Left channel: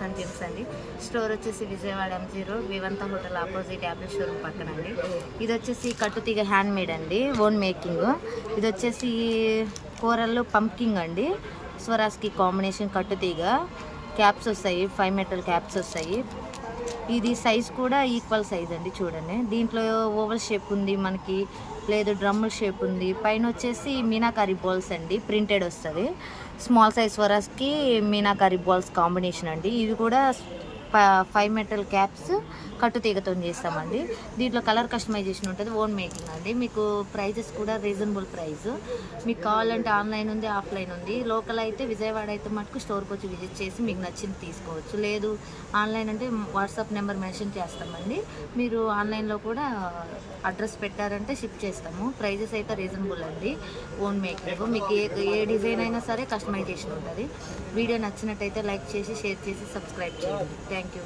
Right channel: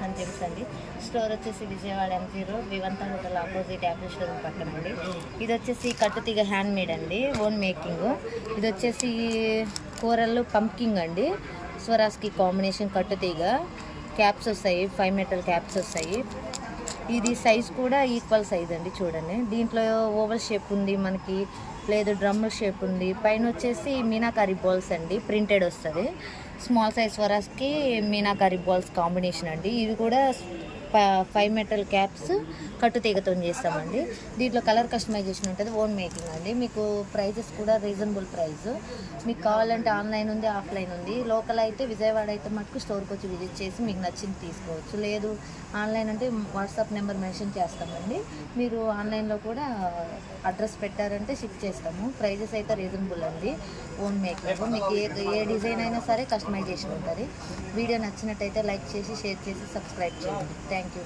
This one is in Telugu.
టెక్స్టైల్స్ అండ్ జిమ్స్ అండి. స్టోర్ వచ్చేసి Vijayawada MG road Vivanta hotel opposite apple showroom పక్కనండి. ఇది వచ్చేసి కట్టుతీగ హ్యాండ్ మేడ్ అండి, ఓన్ మేకింగ్. ఇది వచ్చేసి కూరల్లో పంకింగ్ అండి, స్వరాజ్కి కాంబినేషన్ కట్టుతీగ క్యాప్స్ వస్తాయి, 5 మెటల్ క్యాప్స్ వస్తాయి. ఇది సైజ్ కూడా ఈక్వల్ సైజ్ అండి. చూడండి, దీంట్లో ఓవల్ షేప్ ఉంది మనకి, లేదు డ్రమ్ముల్ షేప్ ఉంది. పైన వచ్చేసి మీనాకారి బాల్స్ అండి, ప్రింటెడ్ వస్తుంది. స్మాల్ సైజ్ స్వరాజ్కి మీనాకారి బాల్స్ కాంబినేషన్ అండి. ఇది కూడా 5 మెటల్ క్యాప్స్ కట్టుతీగతో చేస్తామండి. దీంట్లో కలర్ కస్టమైజేషన్ ఉంటుంది, ఓన్ మేకింగ్ అండి. మీకు ప్రైజెస్ కూడా రీజనబుల్ ప్రైస్. మీకు కావాలంటే ఆన్లైన్ ఉంది, ఆఫ్లైన్ ఉంది. లోకల్ అయితే విజయవాడ అయితే మటుకు స్టోర్కి వచ్చి విజిట్ చేసి మీకు నచ్చింది తీసుకోవచ్చు. లేదు ఆన్లైన్ అంటే వాట్సాప్ నెంబర్ మెన్షన్ చేస్తామండి. మీరు ఆన్లైన్లో కూడా అడ్రస్ పెట్టారంటే షిప్ చేస్తాము. ప్రైజెస్ అయితే రీజనబుల్ అండి, ఓన్ మేకింగ్. మీకు ఏ డిజైన్ అయినా సరే కస్టమైజేషన్ ఉంటుంది. వీడియో నచ్చినట్టయితే లైక్ చేసి, షేర్ చేసి, సబ్స్క్రైబ్ చేయండి. Thank you.